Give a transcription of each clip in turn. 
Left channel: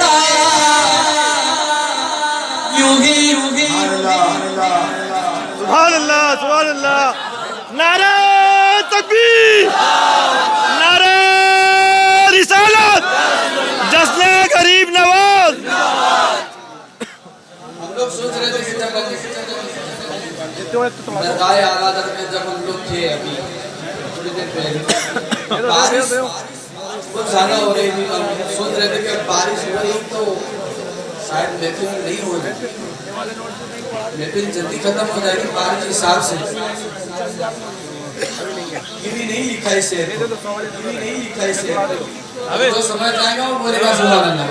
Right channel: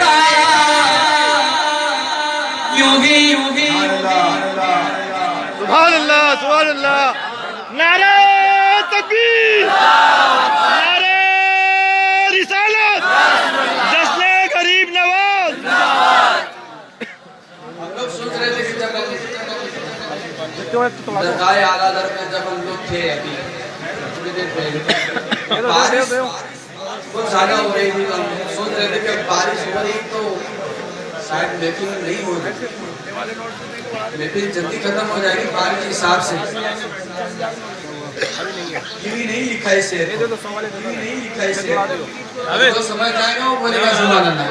का यूं ही सुभान अल्लाह सुभान अल्लाह। नारे तकबीर, नारे रिसालत, जश्न गरीब नवाज। हम लोग सोच रहे थे कि जब दरगाह आला दर में जब हम लोग थे अभी थोड़ी देर पहले बारिश बहुत ज्यादा हो रही थी, हम सोच रहे थे कि बारिश हो रही तो शायद महफिल नहीं हो रही, महफिल जल्दी खत्म हो जाएगी बारिश के हिसाब से। ये भी नहीं लिखा है शेर, ये भी नहीं लिखा है शेर, जो समझ आएगा वो बोलेगा सुभान अल्लाह।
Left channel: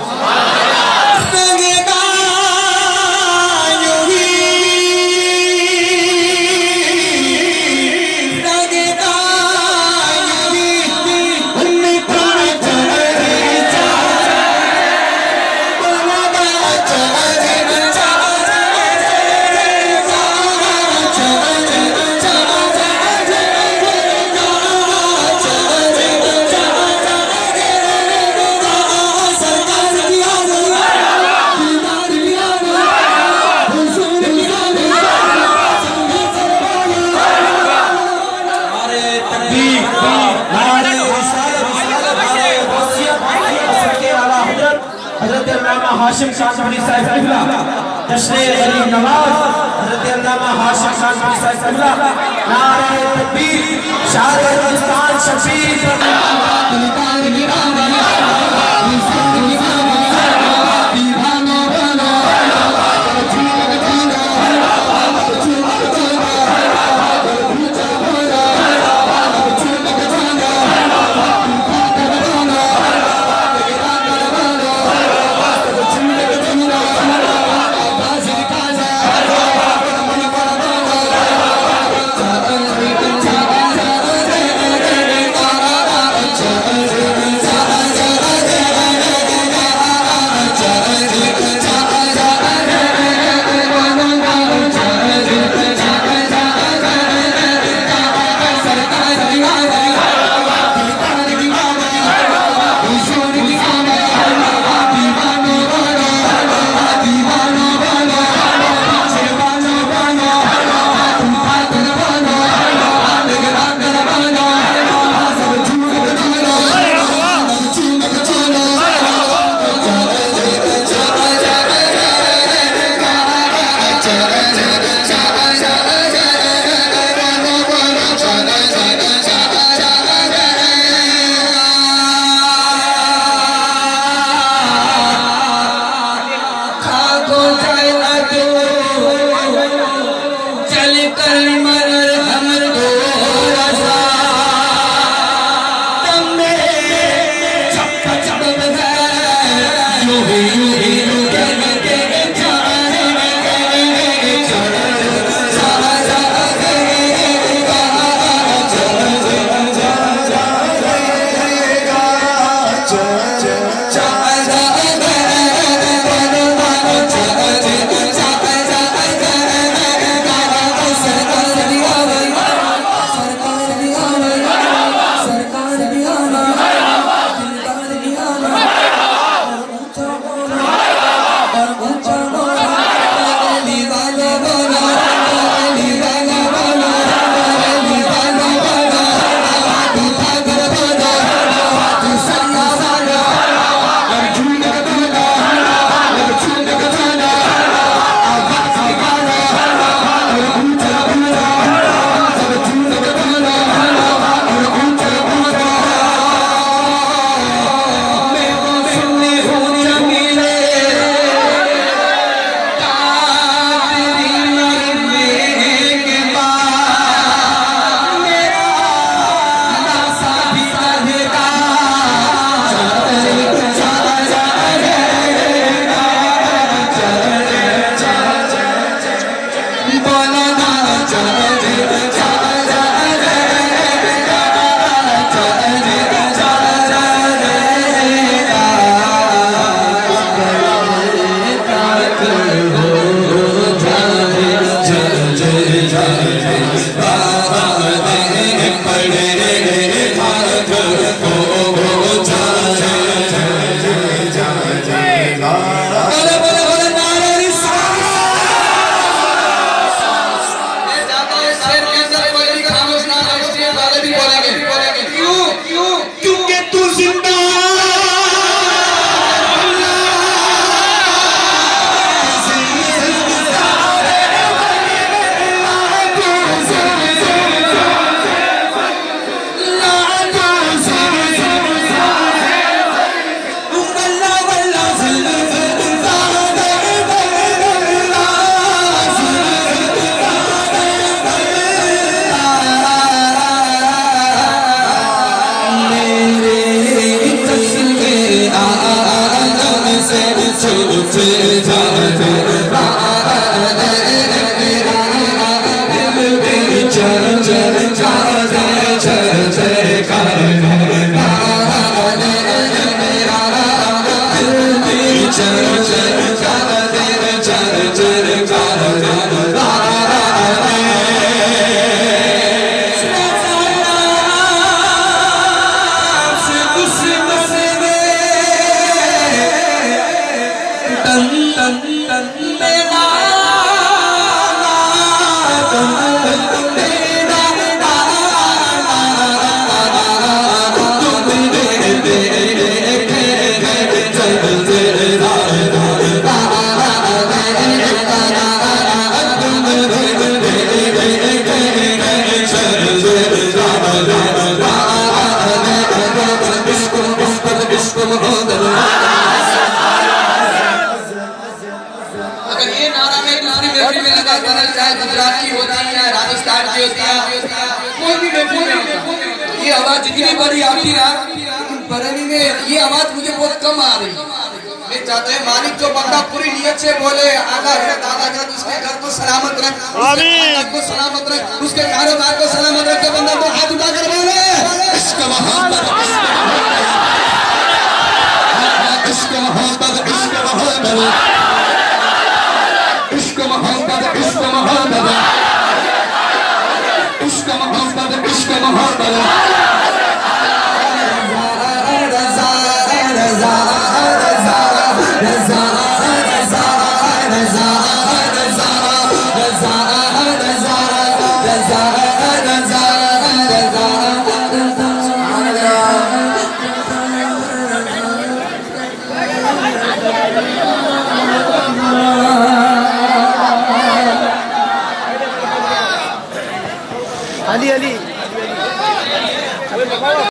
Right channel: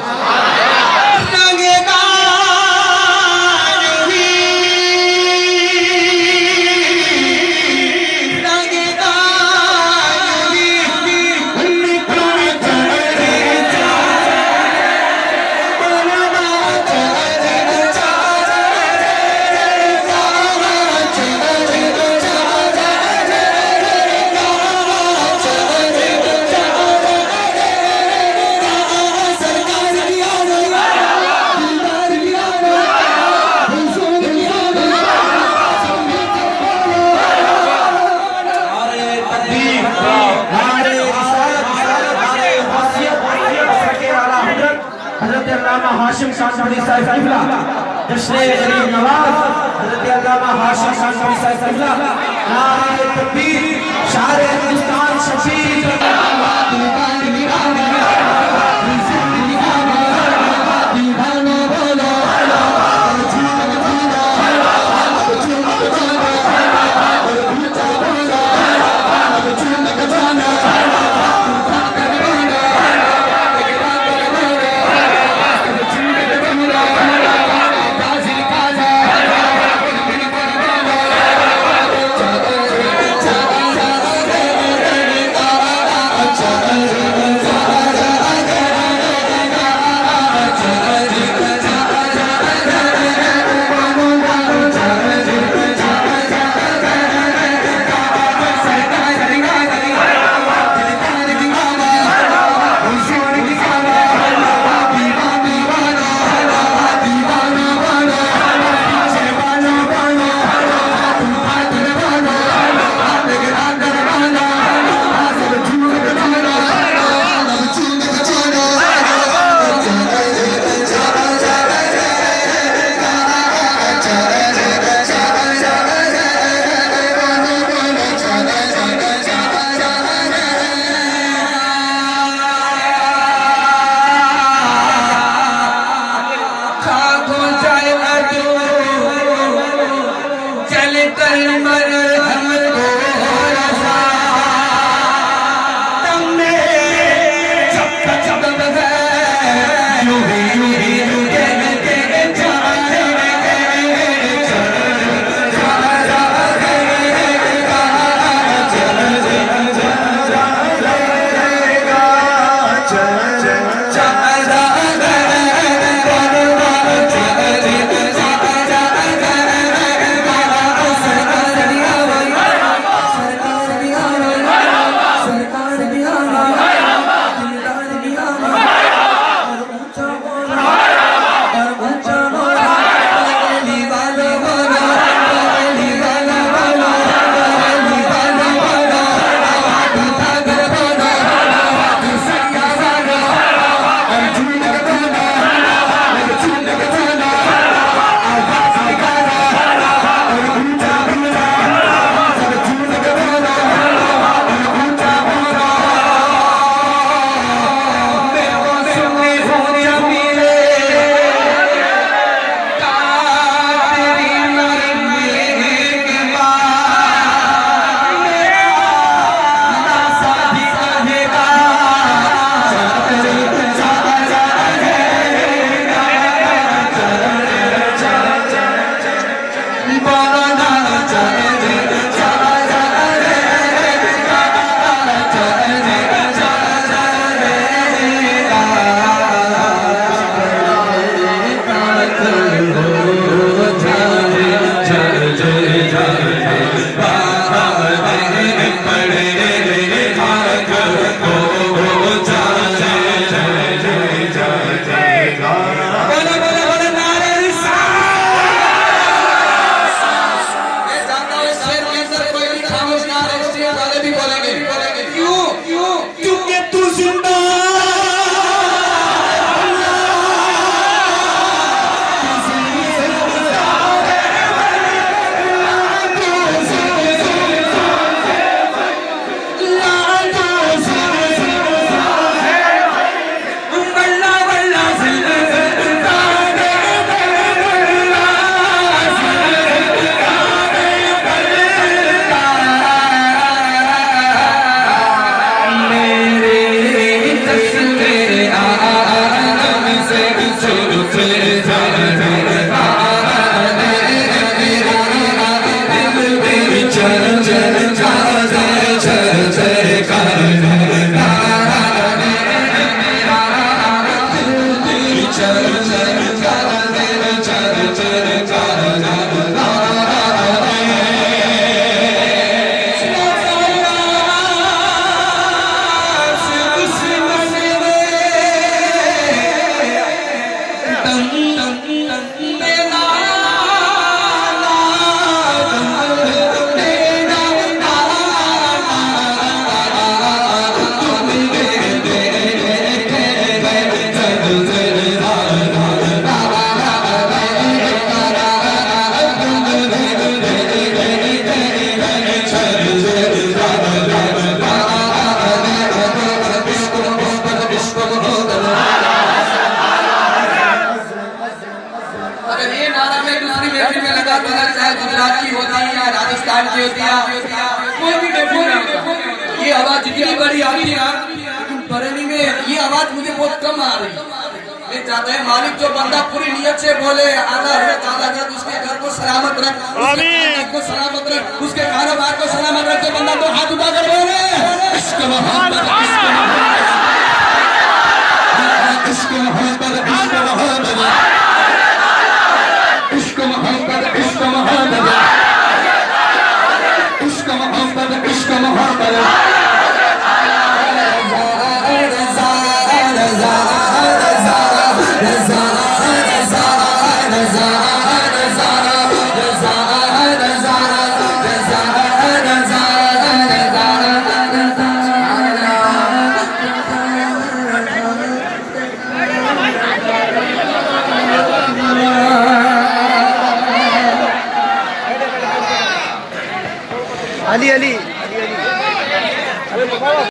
हाशिम शाह साहब किबला जश्न गरीब नवाज हजरत अल्लामा हाशिम शाह साहब किबला नारे तकबीर शायर हिंदुस्तान शफीक अगर ये नारा में दूसरी महफिल में लगा तो चाहे गुजरात की होती है या राजस्थान की होती है, कोई भी महफिल में होता, ये आवाज जितनी बड़ी आती है, बरेली में ये आवाज मुझे बहुत कम आ रही। ये चाहते हैं मालिक जो बंदा पूरी नियत से बोले आधा रख उसके घर को सलामत रख, उसके खानदान को सलामत रख, उसके कारोबार को सलामत रख, तो बंदा तो हाथ उठा कर बोले इश्क मोहब्बत इश्क मोहब्बत इश्क मोहब्बत इश्क मोहब्बत इश्क मोहब्बत इश्क मोहब्बत इश्क मोहब्बत रज़ा रज़ा रज़ा रज़ा रज़ा रज़ा रज़ा रज़ा रज़ा रज़ा रज़ा अली अली